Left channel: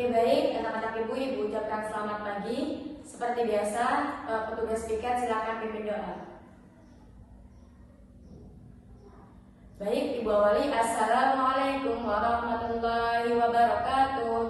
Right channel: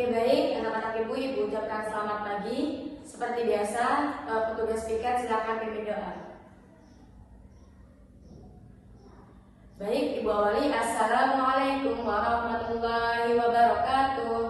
Oke, baik, anak-anak ibu ucapkan selamat pagi. Seperti biasa, petugas piket silakan pimpin doa. Baik, Ibu awali. Assalamualaikum warahmatullahi wabarakatuh.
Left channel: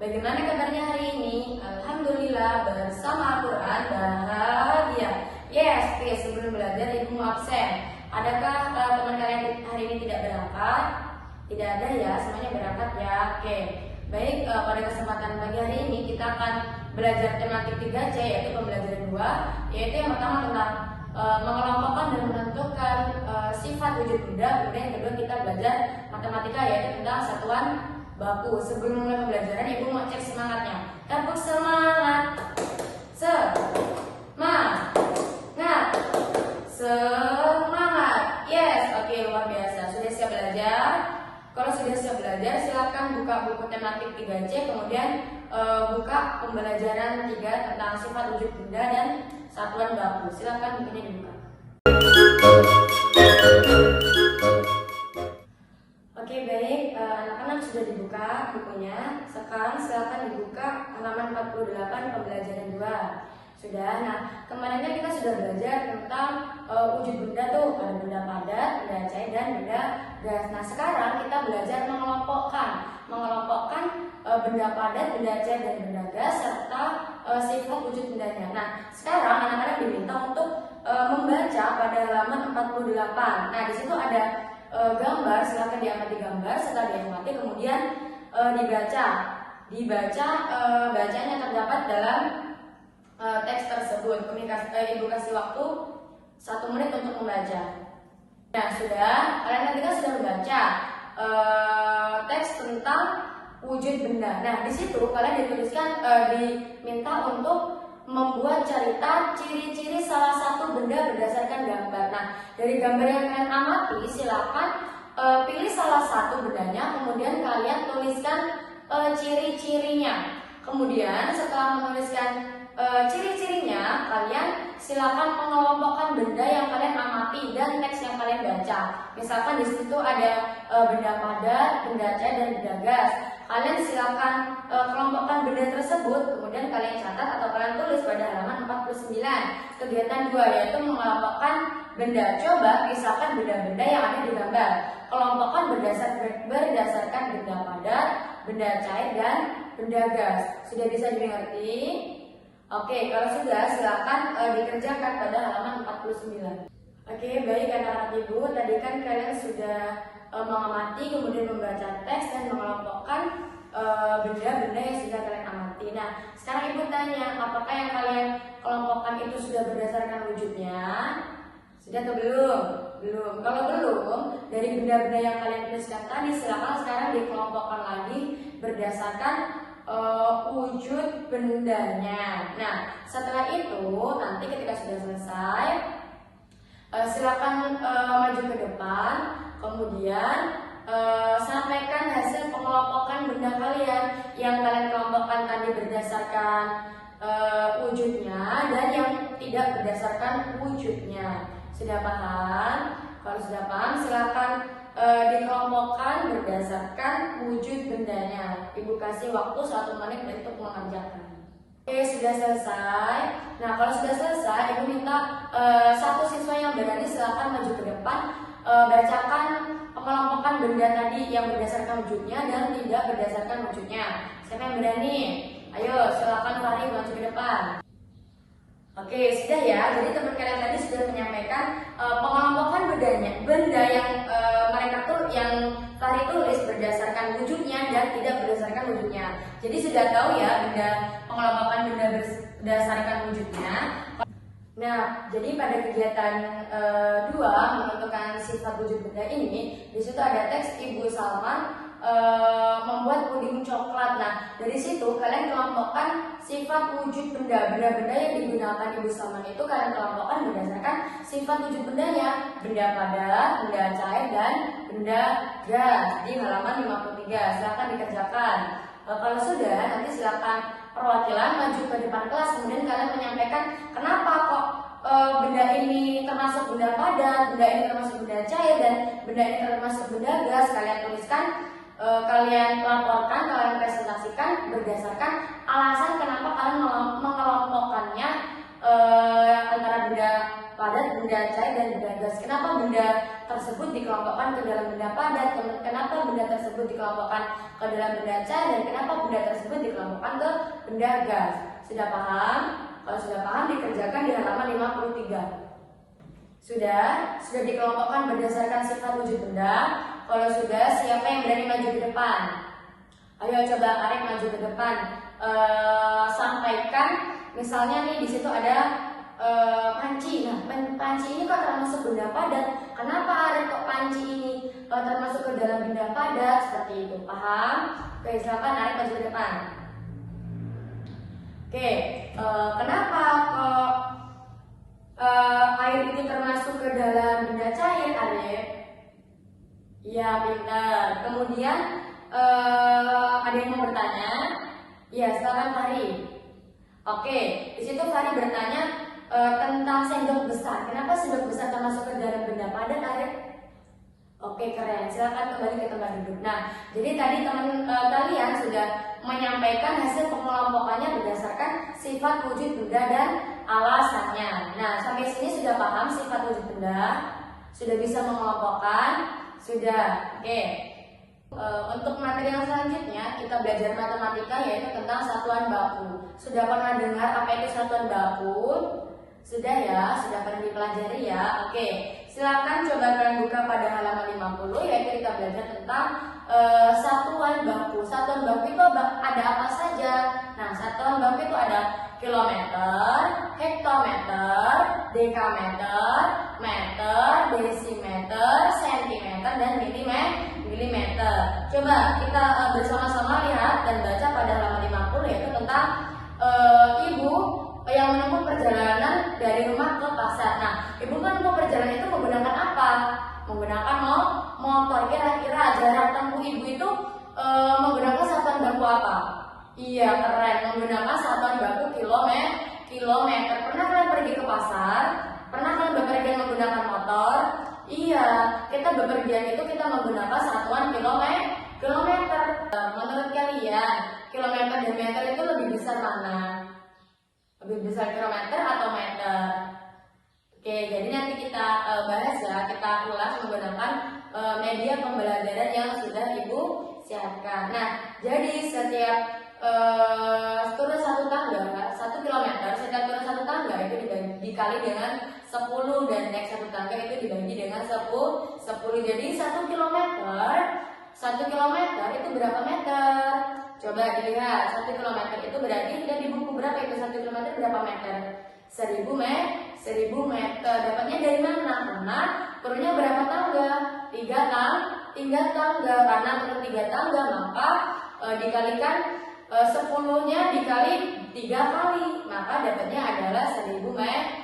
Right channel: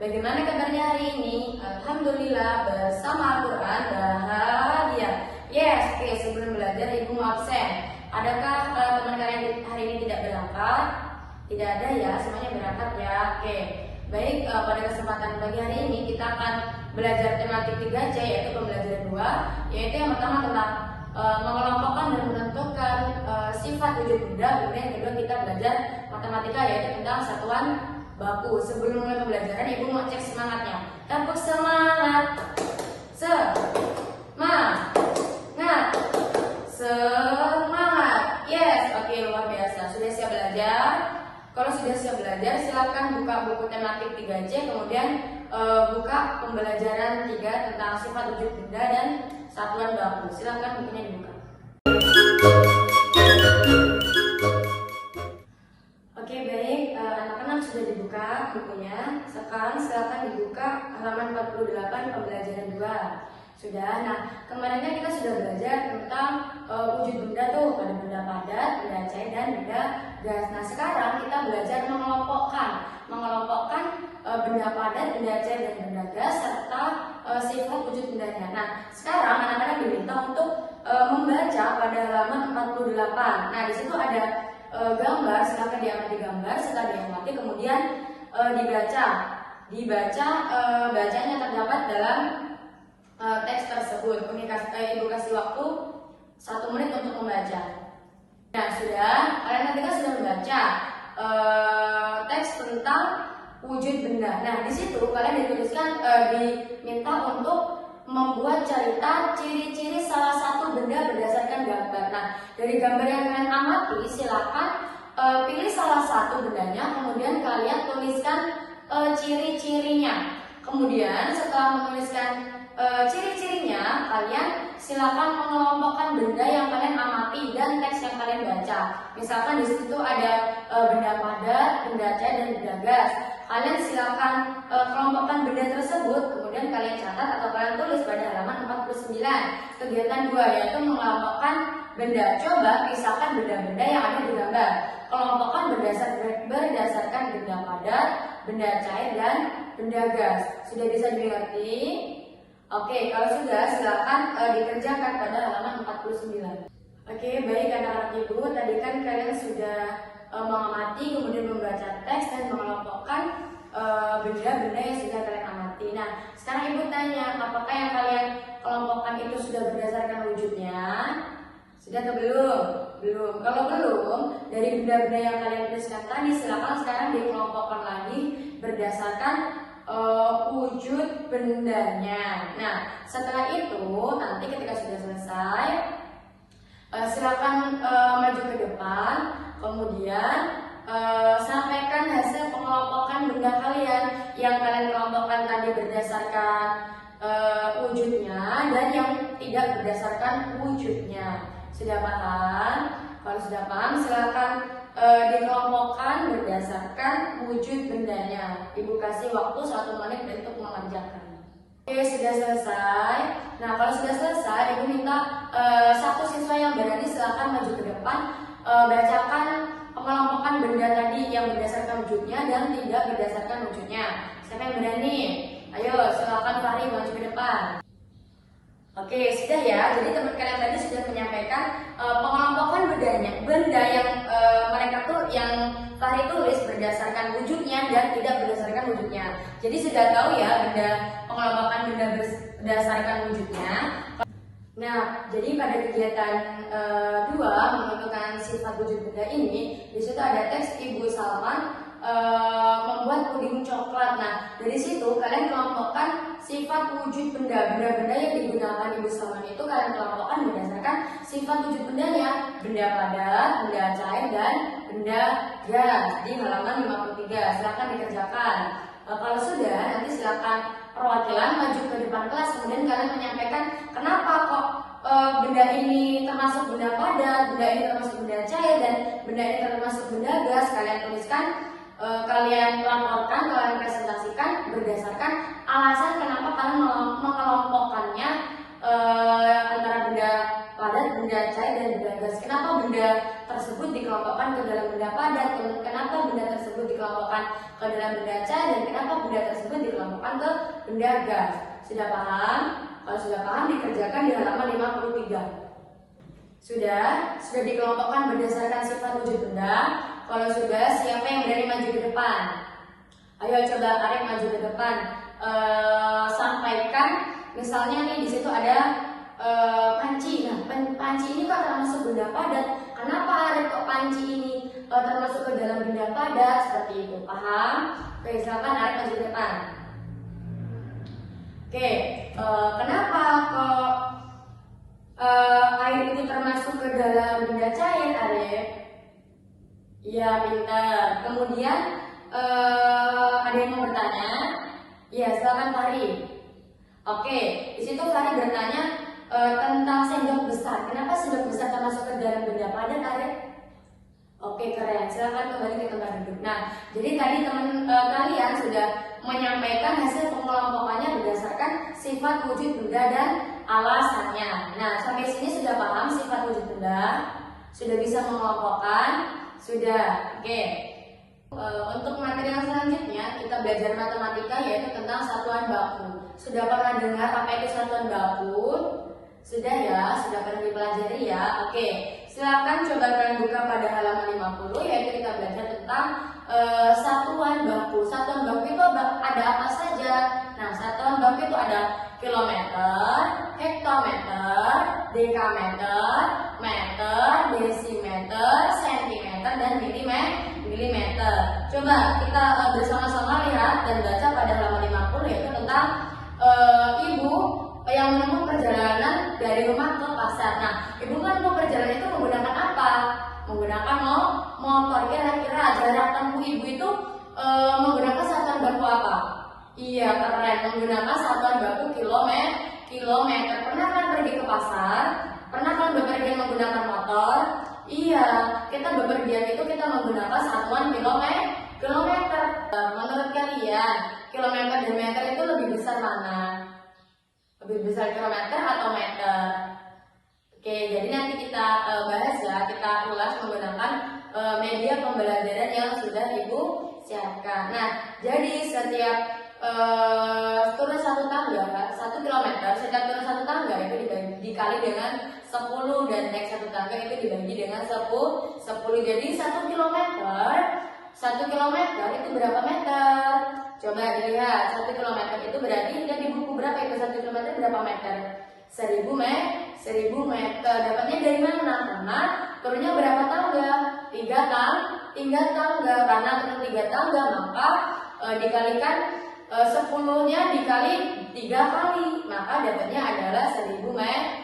Bagaimana kabarnya hari ini? Alhamdulillah, bersama Al-Quran bahagia. Yes, oke, sebelum belajar Ibu mau absen. Adakah teman kalian hari ini tidak berangkat? Tidak ada ya, semuanya berangkat ya. Oke. Baik, pada kesempatan pagi hari ini kita akan belajar tematik 3C, yaitu pembelajaran 2, yaitu yang pertama tentang mengelompokkan dan menentukan sifat wujud benda. Kemudian yang kedua kita belajar matematika, yaitu tentang satuan baku. Sebelum mulai pembelajaran, Ibu mau cek semangatnya. Tepuk semangat. Semangat. Yes, oke, luar biasa. Sudah siap belajar? Kalau sudah siap belajar, silakan buka buku tematik 3C, kemudian buka pembelajaran 3 tentang sifat wujud benda dan satuan baku. Silakan bukunya dibuka. Oke, baik, anak-anak sudah dibuka bukunya. Sekarang silakan dibuka halaman 48 pembelajaran 2. Sudah. Nah, kemarin kita sudah belajar tentang wujud benda tuh, ada benda padat, benda cair, dan benda gas. Nah, sekarang kita belajar mengelompokkan benda padat, benda cair, dan benda gas serta sifat wujud bendanya. Nah, sekarang anak-anak diminta untuk membaca pada halaman 48. Nah, di situ ada gambar, silakan diamati gambar, setelah diamati kemudian bacanya terdapat dalam teks tersebut. Ibu kasih waktu 1 menit untuk membaca. Nah, sudah, kalian nanti sudah membaca teks tentang wujud benda. Nah, di situ kalian diminta untuk membuat cerita ciri-ciri salah satu benda berdasarkan gambar. Nah, dari gambar yang kalian amati, silakan pilih salah satu bendanya, kemudian kalian tuliskan ciri-cirinya. Kemudian setelah menuliskan ciri-cirinya, kalian silakan mengelompokkan benda yang kalian amati dan teks yang kalian baca. Misalkan di situ ada benda padat, benda cair, dan benda gas. Kalian silakan kelompokkan benda tersebut, kemudian kalian catat atau kalian tulis pada halaman 49. Kegiatan 2 yaitu mengelompokkan benda. Coba pisahkan benda-benda yang ada di gambar. Kelompokkan berdasarkan benda padat, benda cair, dan benda gas. Sudah bisa dimengerti? Oke, kalau sudah silakan dikerjakan pada halaman 49. Oke, baik anak-anak ibu, tadi kan kalian sudah mengamati, kemudian membaca teks dan mengelompokkan benda-benda yang sudah kalian amati. Nah, sekarang ibu tanya, apakah yang kalian kelompokkan itu sudah berdasarkan wujudnya? Sudah atau belum? Belum. Kalau belum, dari benda-benda yang kalian tuliskan tadi, silakan sekarang dikelompokkan lagi berdasarkan wujud bendanya. Nah, setelah itu nanti ketika sudah selesai, silakan maju ke depan, kemudian sampaikan hasil pengelompokan benda kalian yang kalian kelompokkan tadi berdasarkan wujudnya dan yang tidak berdasarkan wujudnya. Sudah paham? Kalau sudah paham, silakan dikelompokkan berdasarkan wujud bendanya. Ibu kasih waktu 1 menit untuk mengerjakan. Oke, sudah selesai. Nah, kalau sudah selesai, Ibu minta satu siswa yang berani silakan maju ke depan, bacakan pengelompokan benda tadi yang berdasarkan wujudnya dan tidak berdasarkan wujudnya. Siapa yang berani? Ayo, silakan Fahri maju ke depan. Oke, sudah ya. Jadi teman kalian tadi sudah menyampaikan pengelompokan benda yang mereka yang Fahri tulis berdasarkan wujudnya dan tidak berdasarkan wujudnya. Jadi sudah tahu ya pengelompokan benda berdasarkan wujudnya. Nah, jadi pada kegiatan 2 menentukan sifat wujud benda ini, di situ ada teks Ibu Salman membuat puding coklat. Nah, dari situ kalian kelompokkan sifat wujud benda-benda yang digunakan Ibu Salman itu kalian kelompokkan berdasarkan sifat wujud bendanya, benda padat, benda cair, dan benda gas di halaman 53. Silakan dikerjakan. Kalau sudah, nanti silakan perwakilan maju ke depan kelas, kemudian kalian menyampaikan kenapa kok benda ini termasuk benda padat, benda ini termasuk benda cair, dan benda ini termasuk benda gas. Kalian tuliskan kalian laporkan, kalian presentasikan berdasarkan alasan kenapa kalian mengelompokkannya antara benda padat, benda cair, dan benda gas. Kenapa benda tersebut dikelompokkan ke dalam benda padat, kenapa benda tersebut dikelompokkan ke dalam benda cair, dan kenapa benda tersebut dikelompokkan ke benda gas. Sudah paham? Kalau sudah paham, dikerjakan di halaman 53. Sudah dikelompokkan berdasarkan sifat wujud benda. Kalau sudah, siapa yang berani maju ke depan? Ayo coba Arif maju ke depan. Sampaikan, misalnya nih di situ ada panci. Nah, panci ini kok termasuk benda padat. Kenapa Arif kok panci ini termasuk ke dalam benda padat? Seperti itu, paham? Oke, silakan Arif maju ke depan. Oke, kenapa kok air ini termasuk ke dalam benda cair, Arif? Ya, pintar. Kemudian ada yang mau bertanya? Ya, silakan Fahri. Oke, di situ Fahri bertanya tentang sendok besar. Kenapa sendok besar termasuk ke dalam benda padat, Arif? Oke, keren. Silakan kembali ke tempat duduk. Nah, jadi tadi kalian sudah menyampaikan hasil pengelompokannya berdasarkan sifat wujud benda dan alasannya. Nah, sampai sini sudah paham sifat wujud benda? Sudah bisa mengelompokkan? Sudah. Oke. Untuk materi yang selanjutnya kita belajar matematika, yaitu tentang satuan baku. Sudah pernah dengar apa itu satuan baku? Sudah ya, sudah pernah dipelajari ya. Oke, silakan coba kalian buka pada halaman 50, yaitu kita belajar tentang satuan baku. Satuan baku itu ada apa saja? Nah, satuan baku itu ada kilometer, hektometer, dekameter, meter, desimeter, sentimeter, dan milimeter. Coba kita bersama-sama lihat dan baca pada halaman 50, yaitu tentang ibu yang menempuh perjalanan dari rumah ke pasar. Nah, ibu menempuh perjalanan itu menggunakan apa? Menggunakan motor. Kira-kira jarak tempuh ibu itu menggunakan satuan baku apa? Iya, keren. Menggunakan satuan baku kilometer. Pernah kalian pergi ke pasar? Pernah kalian bepergian menggunakan motor? Iya, kita bepergian itu kita menggunakan satuan kilometer. Menurut kalian, kilometer dan meter itu lebih besar mana? Lebih besar kilometer atau meter? Oke, jadi nanti kita bahas ya, kita ulas menggunakan media pembelajaran yang sudah Ibu siapkan. Nah, jadi setiap turun satu tangga, 1 kilometer, setiap turun satu tangga itu dikali dengan 10, dan naik satu tangga itu dibagi dengan 10. Jadi 1 kilometer itu berapa meter? Coba lihat, 1 kilometer itu berarti di buku berapa itu 1 kilometer berapa meter? 1000 meter. Dapatnya dari mana? Karena turunnya berapa tangga? 3 tangga. Karena turun 3 tangga, maka dikalikan 10-nya dikali 3 kali, maka dapatnya adalah 1000 meter.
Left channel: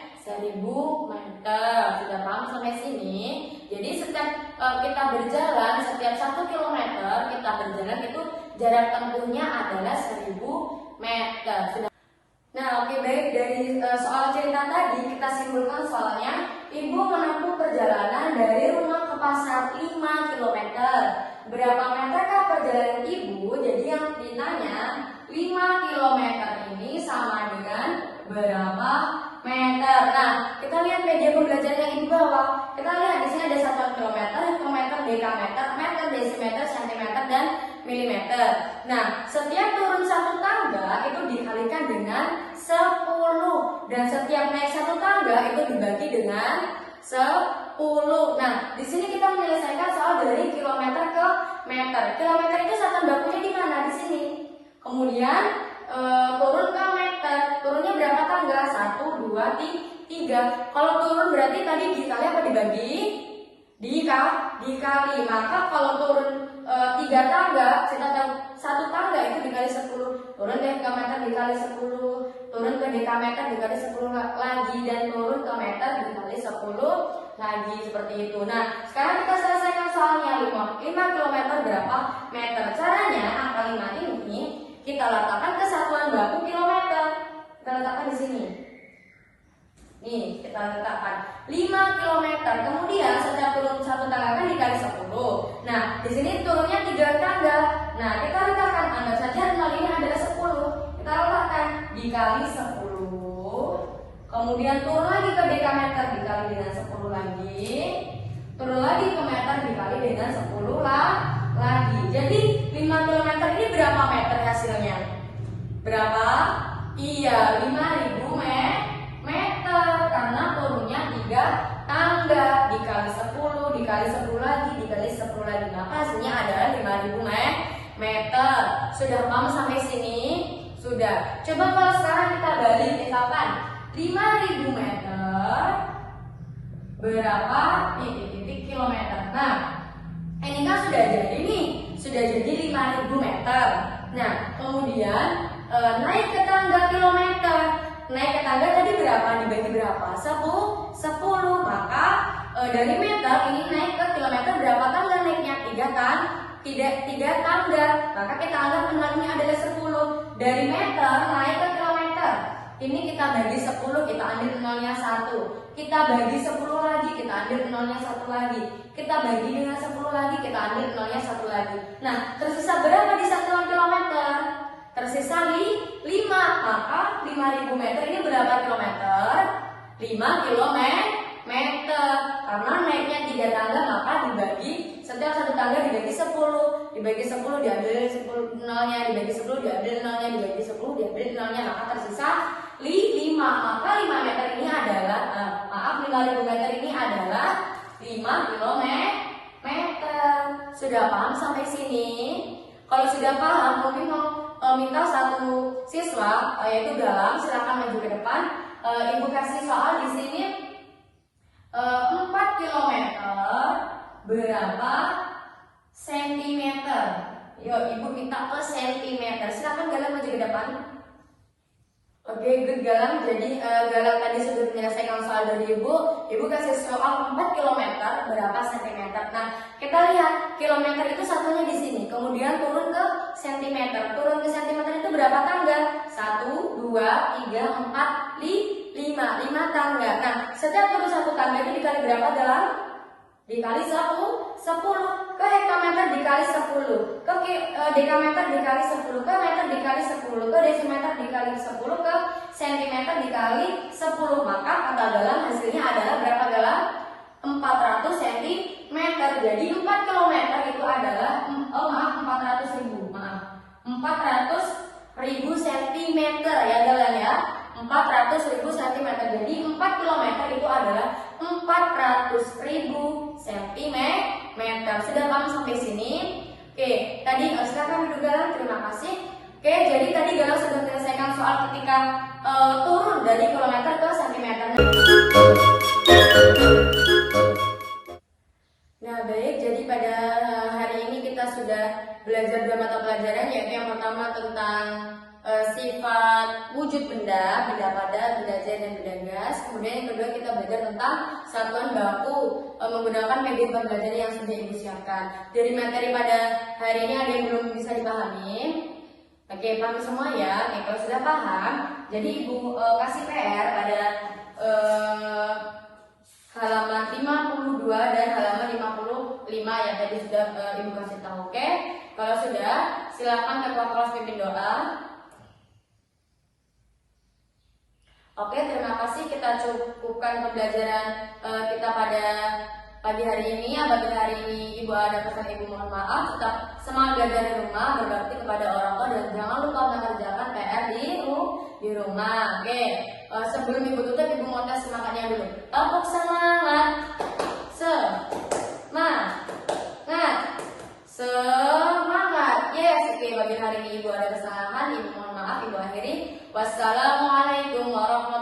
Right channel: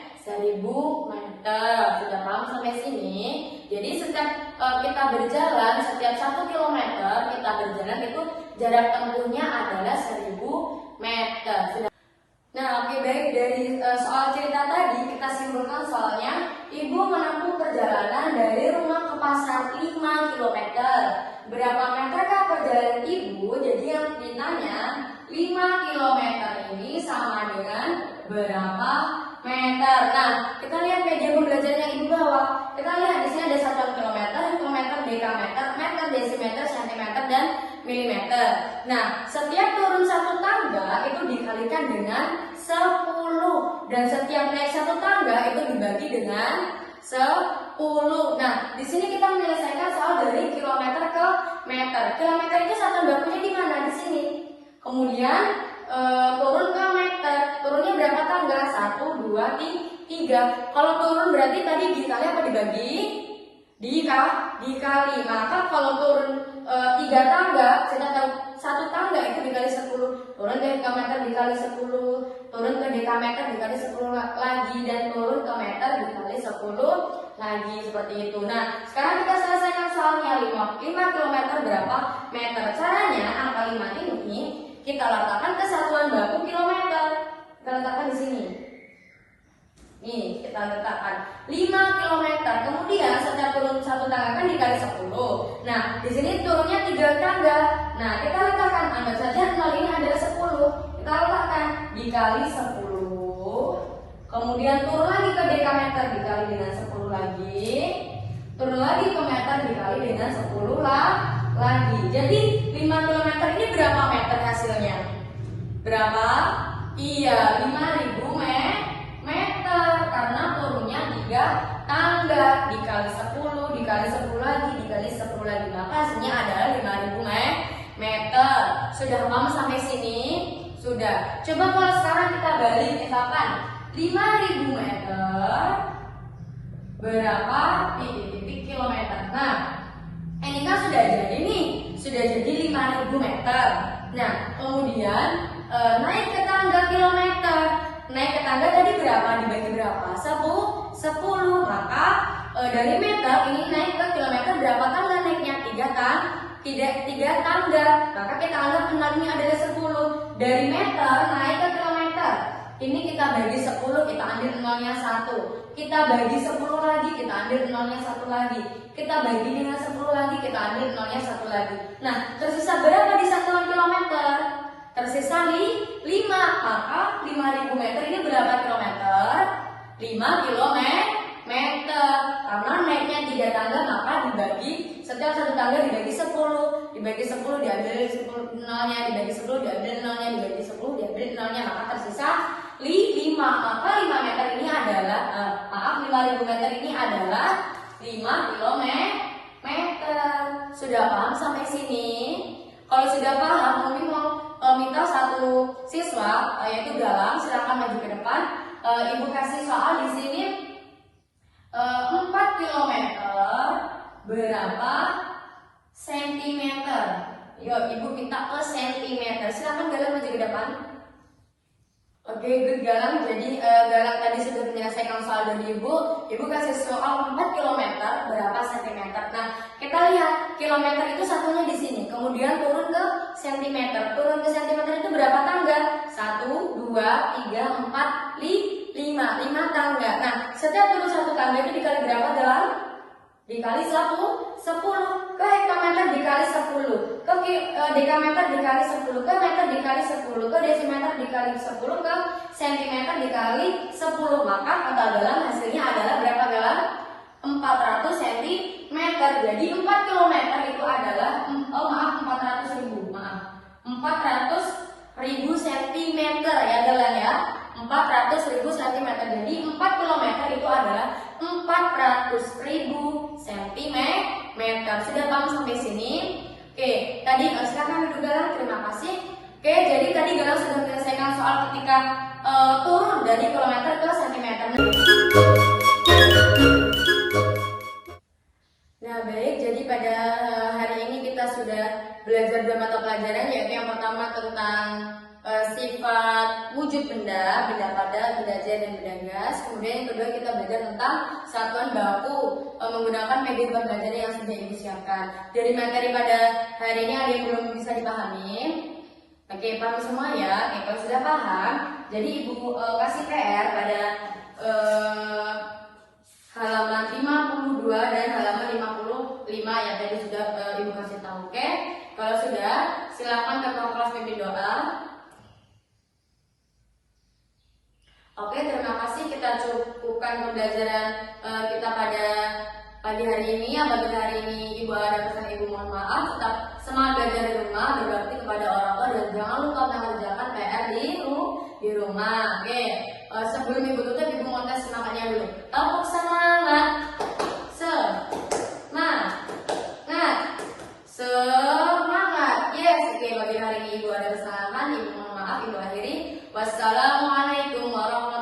Sudah paham sampai sini? Jadi setiap kita berjalan, setiap 1 kilometer kita berjalan itu jarak tempuhnya adalah 1000 meter. Nah, oke, baik. Dari soal cerita tadi kita simpulkan soalnya, ibu menempuh perjalanan dari rumah ke pasar 5 km. Berapa meterkah perjalanan ibu? Jadi yang ditanya 5 km ini sama dengan berapa meter? Nah, kita lihat media pembelajaran yang ibu bawa. Kita lihat di sini ada satuan kilometer, hektometer, dekameter, meter, desimeter, sentimeter, dan milimeter. Nah, setiap turun satu tangga itu dikalikan dengan 10, dan setiap naik satu tangga itu dibagi dengan 10. Nah, di sini kita menyelesaikan soal dari kilometer ke meter. Kilometer itu satuan bakunya di mana? Di sini. Kemudian turun ke meter. Turunnya berapa tangga? 1, 2, 3. Kalau turun berarti tadi dikali apa dibagi? Dikali. Maka kalau turun 3 tangga, sedangkan 1 tangga itu dikali 10. Turun ke hektometer dikali 10. Turun ke dekameter dikali 10 lagi. Dan turun ke meter dikali 10 lagi. Seperti itu. Nah, sekarang kita selesaikan soalnya. 5 km berapa meter? Caranya angka 5 ini kita letakkan ke satuan baku kilometer. Kita letakkan di sini. Nih, kita letakkan 5 km. Kemudian setiap turun satu tangga kan dikali 10. Nah, di sini turunnya 3 tangga. dikali 10. Kemudian turun lagi ke dekameter dikali dengan 10 lagi. Turun lagi ke meter dikali dengan 10 lagi. Jadi 5 km ini berapa meter hasilnya? Berapa? Iya, 5.000 meter karena turunnya 3 tangga dikali 10 dikali 10 lagi dikali 10 lagi, maka hasilnya adalah 5.000 meter. Sudah paham sampai sini? Sudah. Coba kalau sekarang kita balik, misalkan 5.000 meter berapa titik kilometer. Nah, ini kan sudah jadi nih, sudah jadi 5.000 meter. Nah, kemudian naik ke tangga kilometer. Naik ke tangga tadi berapa? Dibagi berapa? 10. Maka dari meter ini naik ke kilometer berapa tangga naiknya? 3 kan? 3 tangga. Maka kita anggap kembalinya adalah 10. Dari meter naik ke kilometer. Ini kita bagi 10, kita ambil nolnya 1. Kita bagi 10 lagi, kita ambil nolnya 1 lagi. Kita bagi dengan 10 lagi, kita ambil nolnya 1 lagi. Nah, tersisa berapa di 1 kilometer? Tersisa 5. Maka 5.000 meter ini berapa kilometer? 5 kilometer. Karena naiknya 3 tangga, maka dibagi setiap 1 tangga dibagi 10. Dibagi 10 diambil 10 nolnya, dibagi 10 diambil nolnya, dibagi 10 diambil nolnya, maka tersisa 5. Maka 5 meter ini adalah 5.000 meter ini adalah 5 kilometer. Sudah paham sampai sini? Kalau sudah paham, mungkin mau minta satu siswa yaitu Galang, silakan maju ke depan. Ibu kasih soal di sini 4 kilometer berapa sentimeter? Yuk, ibu minta per sentimeter. Silakan Galang maju ke depan. Oke, good Galang. Jadi Galang tadi sudah menyelesaikan soal dari ibu. Ibu kasih soal 4 km berapa sentimeter. Nah, kita lihat kilometer itu satunya di sini. Kemudian turun ke sentimeter. Turun ke sentimeter itu berapa tangga? 1, 2, 3, 4, 5 tangga. Nah, setiap turun 1 tangga itu dikali berapa dalam? Dikali 10. Ke hektometer dikali 10. Ke dekameter dikali 10. Ke meter dikali 10. Ke desimeter dikali 10. Ke sentimeter dikali 10. Maka kata Galang hasilnya adalah berapa Galang? 400 cm. Jadi 4 km itu adalah 400.000. 400.000 cm ya Galang ya. 400.000 cm. Jadi 4 km itu adalah 400.000 cm. Sudah paham sampai sini? Oke, tadi silakan duduk Galang, terima kasih. Oke, jadi tadi Galang sudah menyelesaikan soal ketika turun dari kilometer ke sentimeter. Nah, baik, jadi pada hari ini kita sudah belajar 2 mata pelajaran, yaitu yang pertama tentang sifat wujud benda pada, benda jas dan benda gas. Kemudian yang kedua kita belajar tentang satuan baku menggunakan media beban badan yang sudah disiapkan. Dari materi pada hari ini ada yang belum bisa dipahami? Oke, paham semua ya? Oke, kalau sudah paham, jadi ibu kasih PR pada halaman 52 dan halaman 55 yang tadi sudah ibu kasih tahu. Oke, kalau sudah silakan ketua kelas pimpin doa. Oke, terima kasih. Kita cukupkan pembelajaran kita pada pagi hari ini. Apabila hari ini ibu ada pesan ibu mohon maaf. Tetap semangat belajar di rumah, berbakti kepada orang tua dan jangan lupa mengerjakan PR di rumah. Oke, sebelum ibu tutup ibu mau tes semangatnya dulu. Topik semangat, semangat. Yes, oke. Bagi hari ini ibu ada kesalahan, ibu mohon maaf. Ibu akhiri. Wassalamualaikum warahmatullahi wabarakatuh.